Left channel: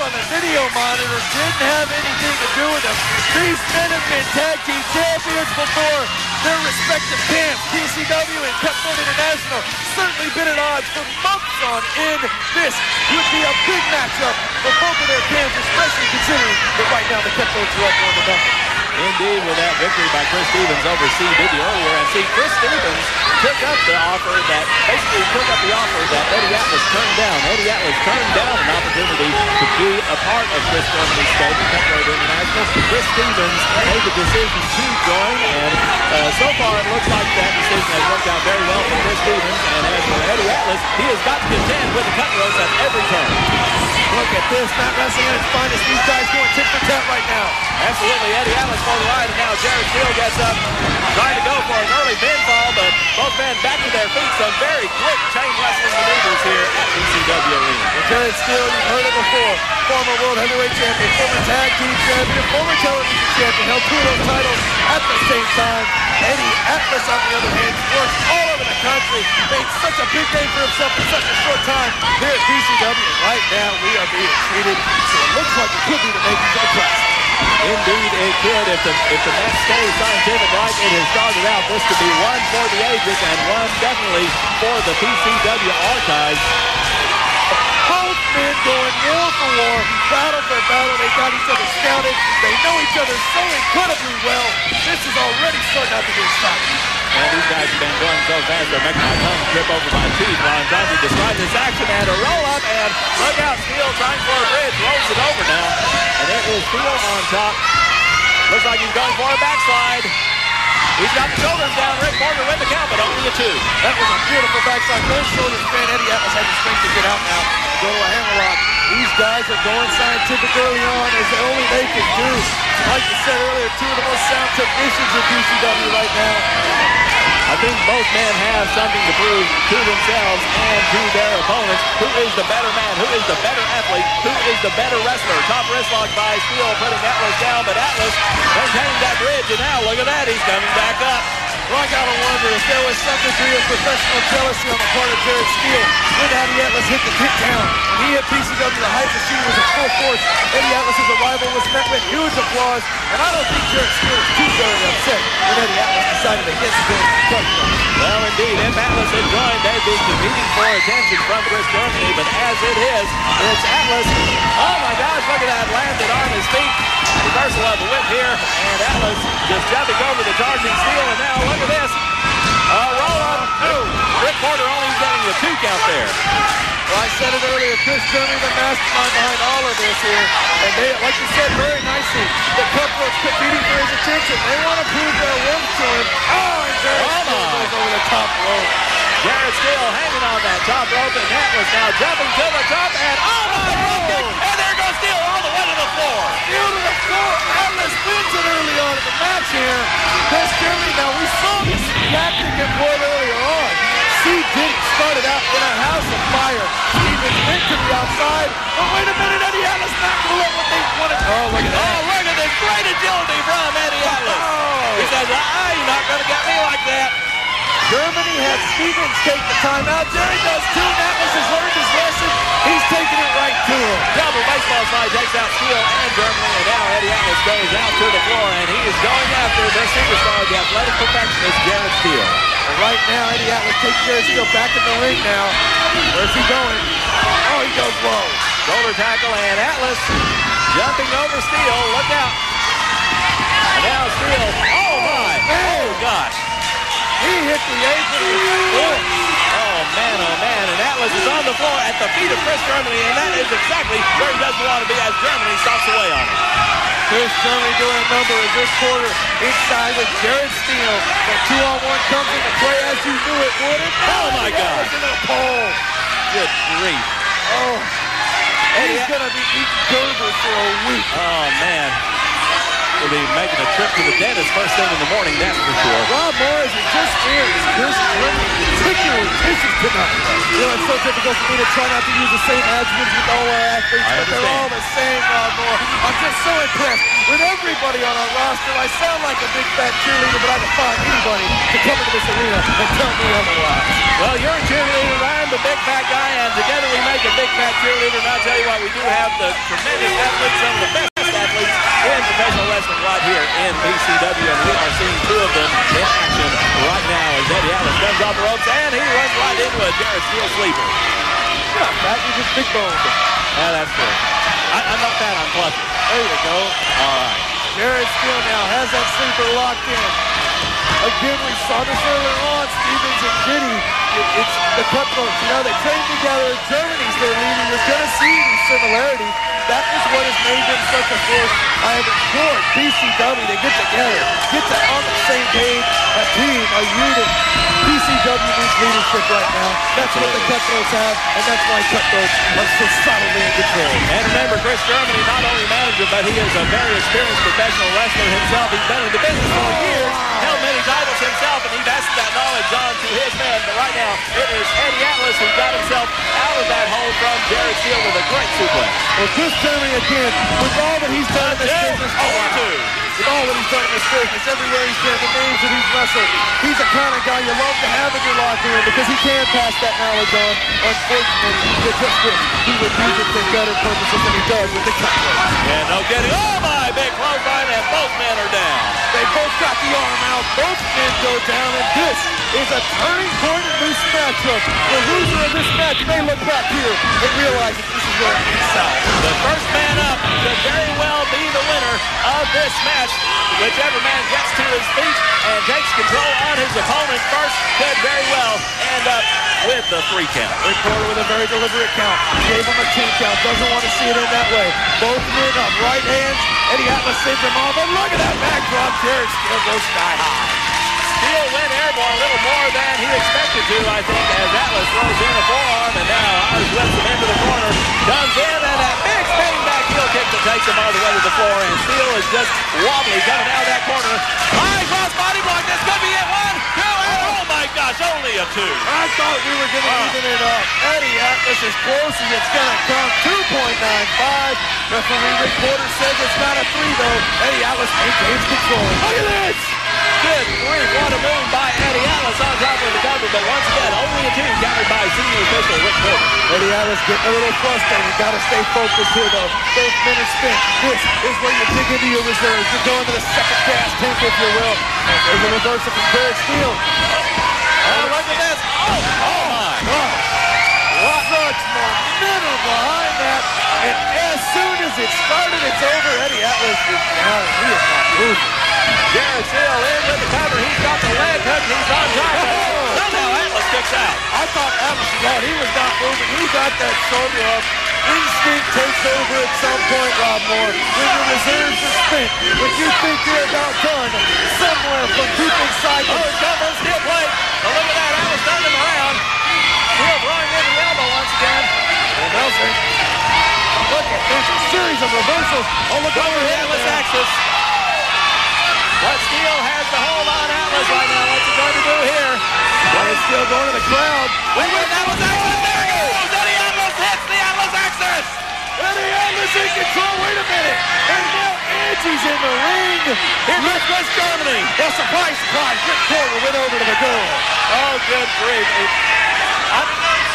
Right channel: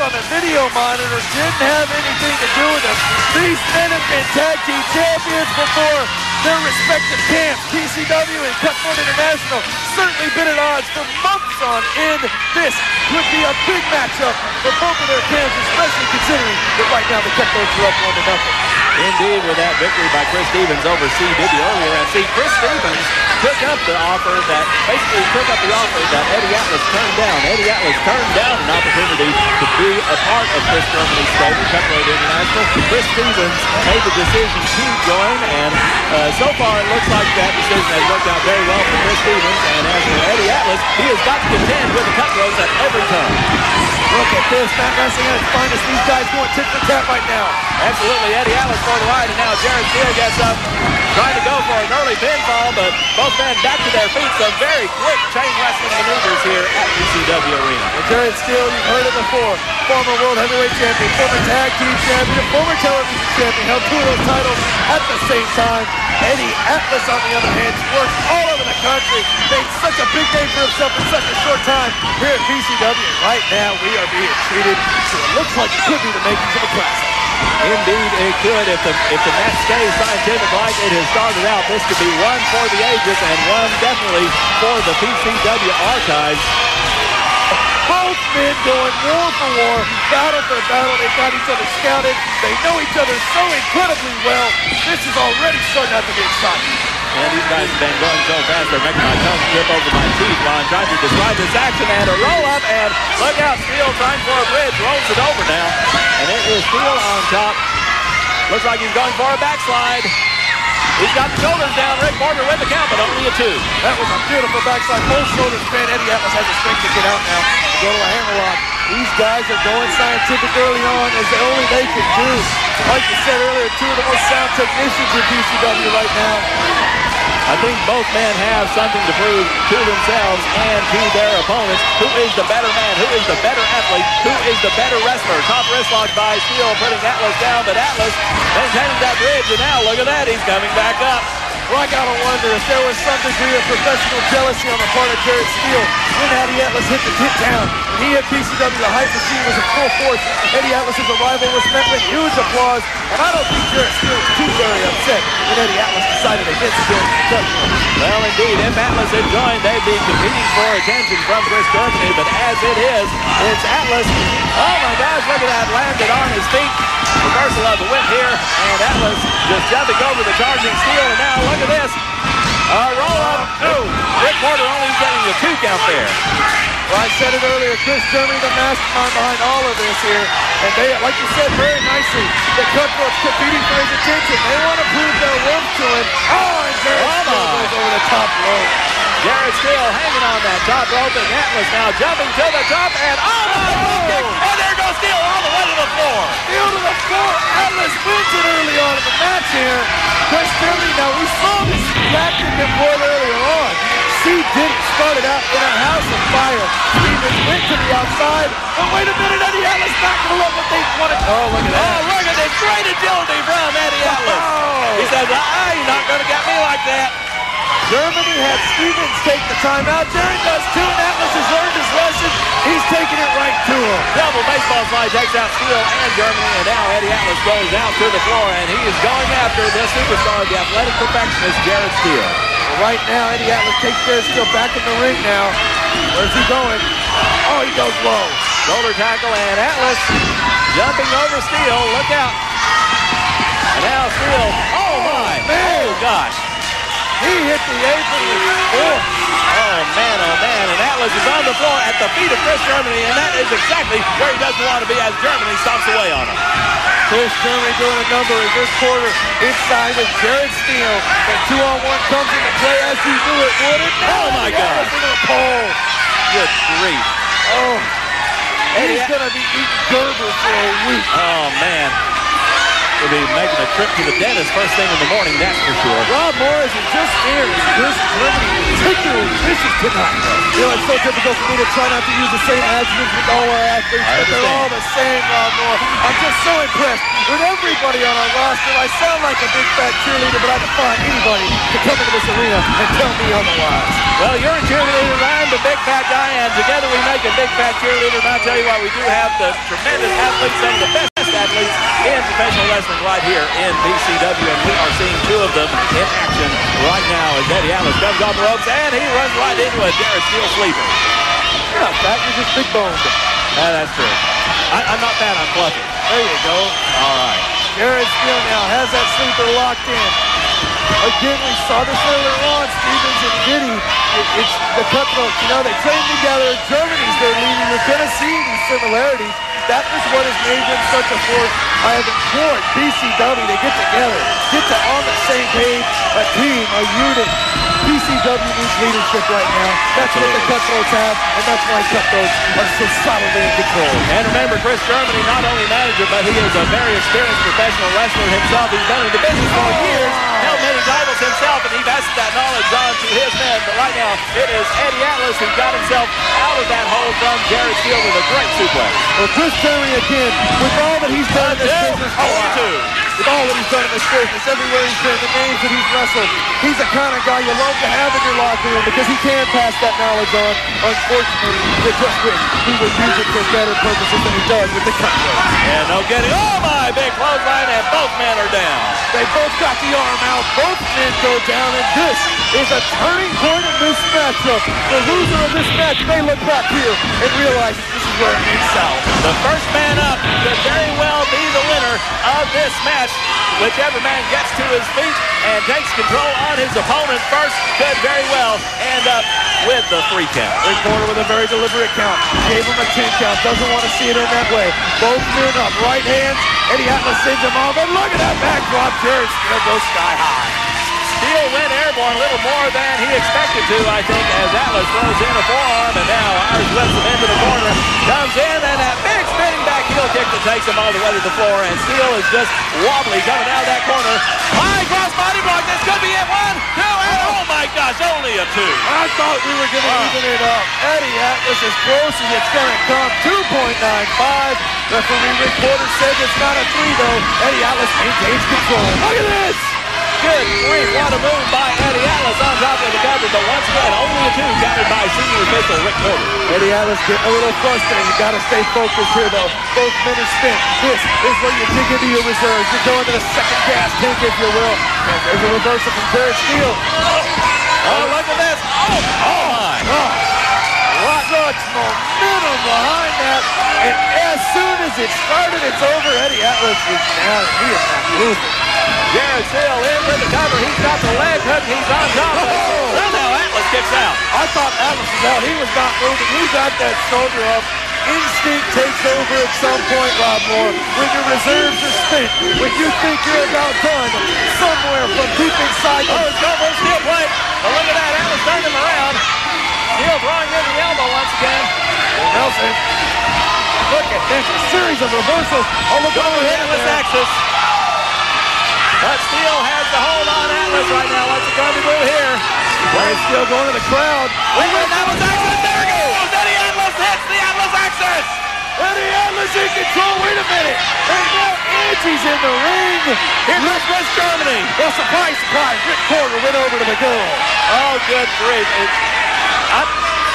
on the video monitor didn't have anything to do with them. These men have been tag team champions before their respective camps. PCW and Cutthroat International certainly been at odds for months on end. This would be a big matchup for both of their camps, especially considering that right now the Cutthroats are up 1-0. Indeed, with that victory by Khris Stevens over C. Diddy earlier. And see, Khris Stevens took up the offer that Eddie Atlas turned down. Eddie Atlas turned down an opportunity to be a part of Khris Germany's stable, Cutthroat International. Khris Stevens made the decision to join, and so far it looks like that decision has worked out very well for Khris Stevens. And as for Eddie Atlas, he has got to contend with the Cutthroats at every turn. Look at this, Mat Wrestling at its finest. These guys going tit for tat right now. Absolutely, Eddie Atlas for the ride, and now Jared Steele gets up, trying to go for an early pinfall, but both men back to their feet. Some very quick chain wrestling maneuvers here at PCW Arena. Well, Jared Steele, you've heard it before. Former World Heavyweight Champion, former Tag Team Champion, former Television Champion, held 2 of those titles at the same time. Eddie Atlas, on the other hand, works all over the country, made such a big name for himself in such a short time here at PCW, and right now we are being treated to what looks like it could be the makings of a classic. Indeed, it could. If the match stays scientific like it has started out, this could be one for the ages and one definitely for the PCW archives. Both men going war for war, battle for battle. They got each other scouted. They know each other so incredibly well. This is already starting out to be exciting. And these guys have been going so fast, they're making my tongue trip over my teeth while I'm trying to describe this action. And a roll up, and look out, Steele trying for a bridge, rolls it over now. And it is Steele on top. Looks like he's going for a backslide. He's got the shoulders down. Rick Porter with the count, but only a 2. That was a beautiful backslide. Both shoulders bent. Eddie Atlas had the strength to get out now to go to a hammerlock. These guys are going scientific early on, as only they can do. Like you said earlier, 2 of the most sound technicians in PCW right now. I think both men have something to prove to themselves and to their opponents. Who is the better man? Who is the better athlete? Who is the better wrestler? Top wrist lock by Steele, putting Atlas down, but Atlas maintaining that bridge, and now look at that, he's coming back up. Well, I gotta wonder if there was some degree of professional jealousy on the part of Jared Steele when Eddie Atlas hit the hit down. When he hit PCW, the hype machine was at full force. Eddie Atlas's arrival was met with huge applause, and I don't think Jared Steele was too very upset when Eddie Atlas decided against joining the Cutthroats. Well, indeed, if Atlas had joined, they'd be competing for attention from Khris Germany, but as it is, it's Atlas. Oh my gosh, look at that, landed on his feet. Reversal of the whip here, and Atlas just jumping over the charging Steele, and now look at this. Roll up. Oh, Rick Porter only getting the 2 count there. Well, I said it earlier, Khris Germany, the mastermind behind all of this here, and they, like you said very nicely, the Cutthroats competing for his attention. They want to prove their worth to him. Oh, and Jared Steele goes over the top rope. Jared Steele hanging on that top rope, and Atlas now jumping to the top, and oh my God! And there goes Steele all the way to the floor. Steele to the floor. Atlas wins it early on in the match here. Khris Germany, now we saw this tactic employed earlier on. C. Diddy started out in a house of fire. Stevens went to the outside, but wait a minute, Eddie Atlas not going to let what they wanted. Oh, look at that. Oh, look at this great agility from Eddie Atlas. Oh. He says, you're not going to get me like that. Germany had Stevens take the timeout. Jerry does too, and Atlas has learned his lesson. He's taking it right to him. Double baseball slide takes out Steele and Germany, and now Eddie Atlas goes out to the floor, and he is going after the superstar, the athletic perfectionist, Jared Steele. Well, right now, Eddie Atlas takes Jared Steele back in the ring now. Where's he going? Oh, he goes low. Shoulder tackle, and Atlas jumping over Steele. Look out. And now Steele. Oh, my. Man. Oh, gosh. He hit the apron with force. Oh, man, and Atlas is on the floor at the feet of Khris Germany, and that is exactly where he doesn't want to be as Germany stomps away on him. Khris Germany doing a number as this quarter inside with Jared Steele. The 2-on-1 comes into play as you knew it would. And now oh, my God. Into the pole. Good grief. Oh, He's going to be eating Gerber for a week. Oh, man. will be making a trip to the dentist first thing in the morning, that's for sure. Rob Moore, is it just fair? Is Khris Germany particularly vicious tonight? You know, it's so difficult for me to try not to use the same adjectives with all our athletes, but they're all the same, Rob Moore. I'm just so impressed with everybody on our roster. I sound like a big fat cheerleader, but I defy anybody to come into this arena and tell me otherwise. Well, you're a cheerleader, I'm the big fat guy, and together we make a big fat cheerleader. And I'll tell you what, we do have the tremendous athletes, some of the best athletes in professional wrestling right here in PCW, and we are seeing two of them in action right now as Eddie Atlas comes off the ropes, and he runs right into a Jared Steele sleeper. You're not fat, you're just big boned. Yeah, that's true. I'm not fat, I'm fluffy. There you go. All right. Jared Steele now has that sleeper locked in. Again, we saw this earlier on, Stevens and Diddy. It's the Cutthroats. You know, they train together. Germany's their leader. You're going to see these similarities. That is what has made them such a force. I have implored PCW to get together, get on the same page, a team, a unit. PCW needs leadership right now. That's what the Cutthroats have, and that's why Cutthroats are so solidly in control. And remember, Khris Germany, not only manager, but he is a very experienced professional wrestler himself. He's been in the business for years, held many titles himself, and he passes that knowledge on to his men. But right now, it is Eddie Atlas who got himself out of that hold from Jared Steele with a great suplex. Well, Khris Germany again, with all that he's done in this business. With all that he's done in this business, everywhere he's been, the names that he's wrestled, he's the kind of guy you love to have in your locker room because he can pass that knowledge on. Unfortunately, you just wish he would use it for better purposes than he does with the Cutthroats. Yeah, no kidding. Oh, my big clothesline, and both men are down. They both got the arm out. Both men go down, and this is a turning point in this matchup. The loser of this match may look back here and realize that this is where it went south. The first man up could very well be the winner of this match. Whichever man gets to his feet and takes control on his opponent first could very well end up with the 3 count. Rick Porter with a very deliberate count. Gave him a 10 count. Doesn't want to see it in that way. Both men up. Right hands. Eddie Atlas sends him off. And look at that backdrop. Jared Steele goes sky high. Steele went airborne a little more than he expected to, I think, as Atlas throws in a forearm, and now Irish whips him into the corner, comes in, and that big spinning back heel kick that takes him all the way to the floor, and Steele is just wobbly coming out of that corner. High cross body block, this could be it, 1, 2, and oh my gosh, only a 2. I thought we were going to even it up. Eddie Atlas as close as it's going to come, 2.95. Referee Rick Porter says it's not a 3, though. Eddie Atlas maintains control. Look at this! Good grief, what a move by Eddie Atlas on top of the cover, but once again, only a 2 countered by senior official Rick Porter. Eddie Atlas getting a little frustrated. You got to stay focused here, though. Both men are spent. This is where you dig into your reserves. You're going to the second gas tank, if you will. And there's a reversal from Jared Steele. Oh, look at this. Oh my. Gosh. What such momentum behind that. And as soon as it started, it's over. Eddie Atlas is down, and he is not moving. Jared Steele in with the cover. He's got the leg hook. He's on top of it. Somehow Atlas kicks out. I thought Atlas was out. He was not moving. He got that shoulder up. Instinct takes over at some point, Rob Moore. When your reserves are spent, when you think you're about done, somewhere from deep inside. Oh, it's going for a steel plate. But look at that. Atlas turned him around. Steele throwing in the elbow once again. Well, Nelson, look at this. A series of reversals. Oh, look over the here. Atlas axis. But Steele has the hold on Atlas right now. What's he going to do here? Jared Steele going to the crowd. Wait, that was Atlas. There it goes. Eddie Atlas hits the Atlas axis. Eddie Atlas in control. Wait a minute. And now Angie's in the ring. Here comes Khris Germany. Well, surprise, surprise. Rick Porter went over to the girl. Oh, good grief.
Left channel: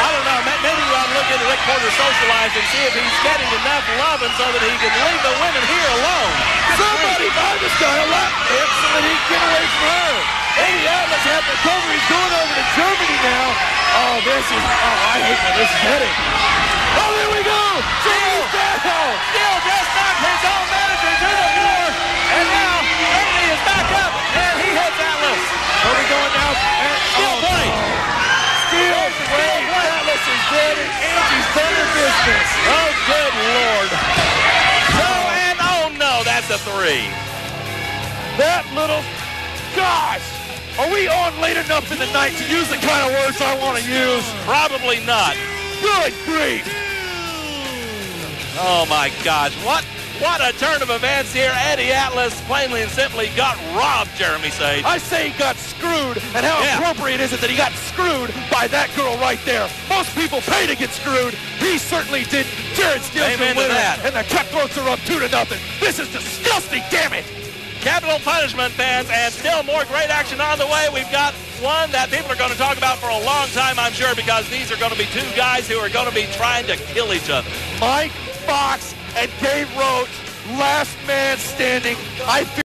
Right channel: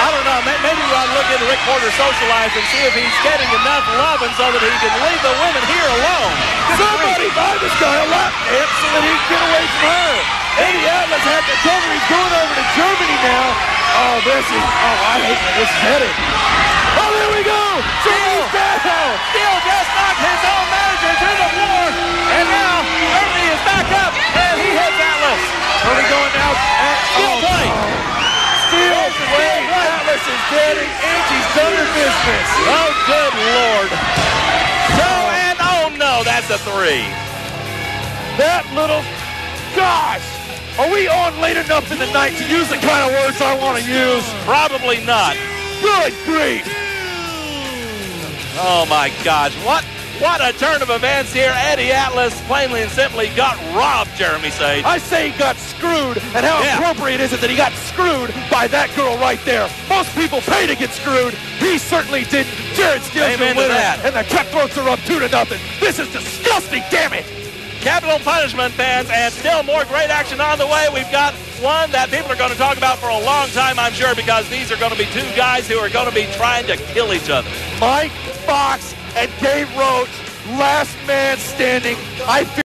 I don't know. Maybe we ought to look into Rick Porter's social life and see if he's getting enough loving so that he can leave the women here alone. Somebody buy this guy a lap dance so that he can get away from her. Eddie Atlas had the cover. He's going over to Germany now. Oh, I hate where this is headed. Oh, there we go. Germany's down. Steele just knocked his own manager to the floor. And now Germany is back up, and he hits Atlas. Are we going now? Steel plate. Steel plate. Atlas is dead, and Angie's done her business. Oh, good Lord. Oh no, that's a 3. That little, gosh. Are we on late enough in the night to use the kind of words I want to use? Probably not. Good grief. Oh my gosh, what What a turn of events here. Eddie Atlas plainly and simply got robbed, Jeremy Sage. I say he got screwed, and how appropriate is it that he got screwed by that girl right there? Most people pay to get screwed. He certainly didn't. Jared Steele's the winner, and the Cutthroats are up 2-0. This is disgusting, damn it! Capital Punishment fans, and still more great action on the way. We've got one that people are going to talk about for a long time, I'm sure, because these are going to be two guys who are going to be trying to kill each other. Mike Fox and Dave Roach, last man standing. I feel